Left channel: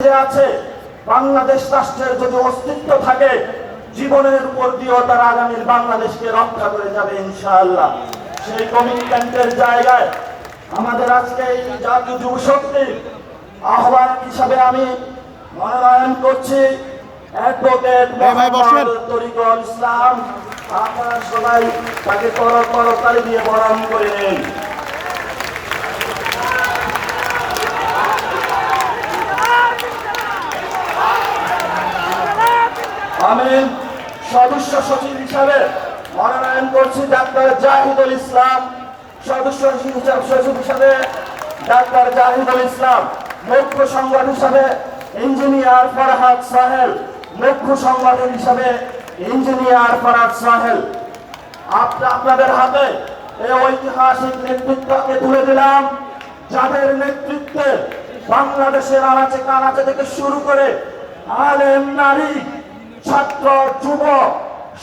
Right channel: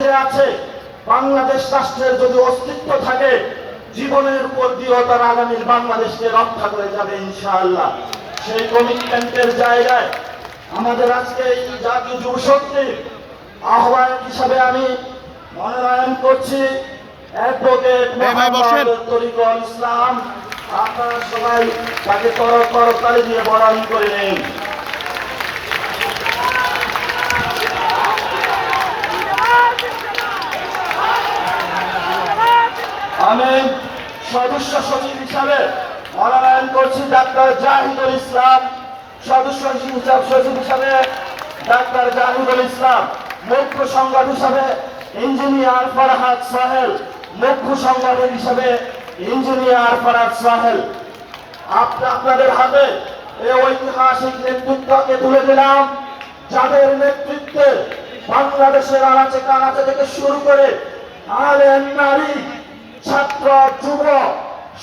আছে বাংলাদেশ রাষ্ট্রের যদি অস্তিত্ব থাকে জীবনের উপর দিয়েও তারা আগামীর বাংলাদেশকে রক্ষা করে যাবে ইনশাআল্লাহ। সেই কমিটমেন্টের জায়গায় আমাদের আজকে এই জাতীয় যুব শক্তির আহ্বায়ক হিসাবে আমি মনোনয়ন করছি। অ্যাডভোকেট। তরিকুল ইসলাম। আপনারা সবাই তাকে কর করতালি দিয়ে বরণ করে নিন। আমি সদস্য সচিব হিসাবে মনোনয়ন করছি ডাক্তার জাহিদুল ইসলাম। সদস্য সচিব হিসাবে ডাক্তার জাহিদুল ইসলাম। মুখ্য সংগঠন হিসাবে ইঞ্জিনিয়ার ফরহাদ সাহেল। মুখ্য সংগঠন হিসাবে ইঞ্জিনিয়ার ফরহাদ সাহেল। আপ- আপনাদের হাতে এই ঐতিহাসিক নেতৃত্বকে তুলে দিলাম। যাদের নেতৃত্বে বাংলাদেশের আনাচে কানাচে থেকে শুরু করে আলেম নারী ছাত্র যুব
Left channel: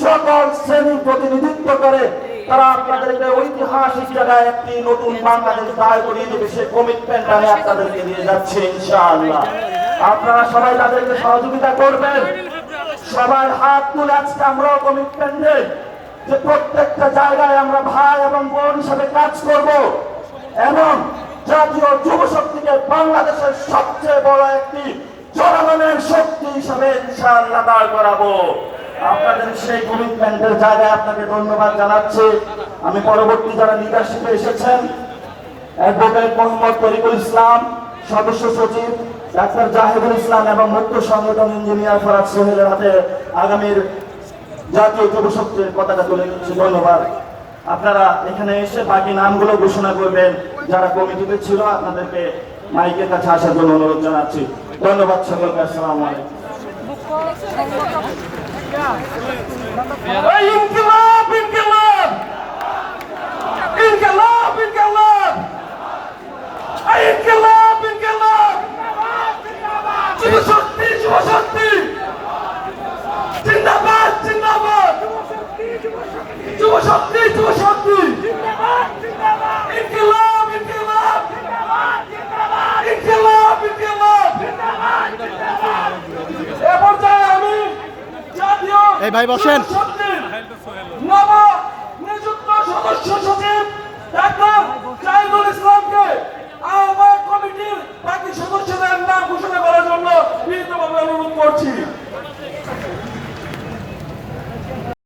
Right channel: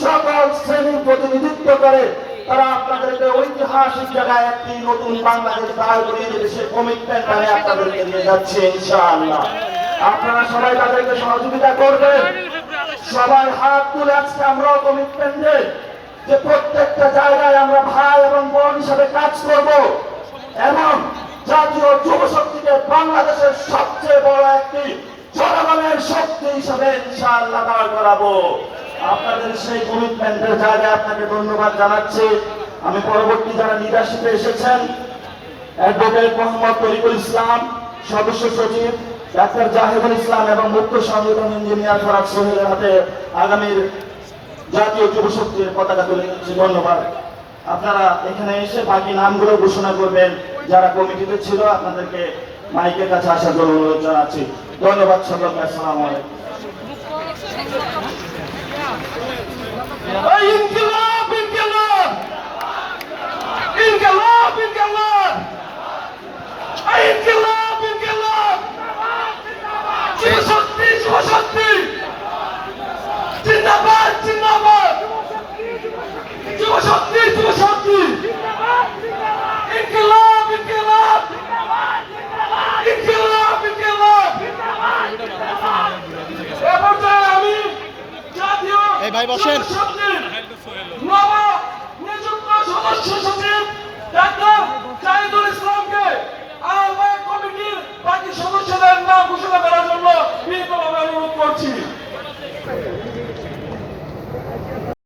সকল শ্রেণির প্রতিনিধিত্ব করে তারা আপনাদেরকে ঐতিহাসিক জায়গায় একটি নতুন বাংলাদেশ দায় করিয়ে দেবে। সেই কমিটমেন্ট আমি আপনাদেরকে দিয়ে যাচ্ছি, ইনশাআল্লাহ। আপনারা সবাই তাদেরকে সহযোগিতা করবেন। সবাই হাত তুলে আজকে আমরাও কমিটমেন্ট দেই যে প্রত্যেকটা জায়গায় আমরা ভাই এবং বোন হিসেবে কাজ করব এবং জাতীয় যুব শক্তিকে বাংলাদেশের সবচেয়ে বড় একটি জনগণের শক্তি হিসাবে ইনশাআল্লাহ দাঁড় করাবো। আপনাদের সেই কমিটমেন্টের জায়গায় আপনাকে ধন্যবাদ জানাচ্ছি। আমি পরবর্তী যারা লিডারশিপে এসেছেন অ্যাডভোকেট মোহাম্মদ তরিকুল ইসলাম, সদস্য সচিব ডাক্তার জাহিদুল ইসলাম এবং মুখ্য সংগঠন ইঞ্জিনিয়ার ফরাজ সোহেলের হাতে আগামীর জাতীয় যুব শক্তির পতাকা তুলে দিচ্ছি ধন্যবাদ। আপনারা এখানে এসে বাকি নামগুলো ঘোষণা করবেন। যারা কমিটিতে ছিল, আপনাদেরকে মাইকের কাছে আসার জন্য অনুরোধ জানাচ্ছি। ধন্যবাদ সকলকে, আসসালামু আলাইকুম। ইনকিলাব ইনকিলাব! ইনকিলাব ইনকিলাব! ইনকিলাব ইনকিলাব! যুব শক্তি যুব শক্তি জিন্দাবাদ জিন্দাবাদ! যুব শক্তি যুব শক্তি ইনকিলাব ইনকিলাব ইনকিলাব ইনকিলাব এ পর্যায়ে আমি জাতীয় এই ভাই বসেন। নিযুক্ত সদস্য সচিব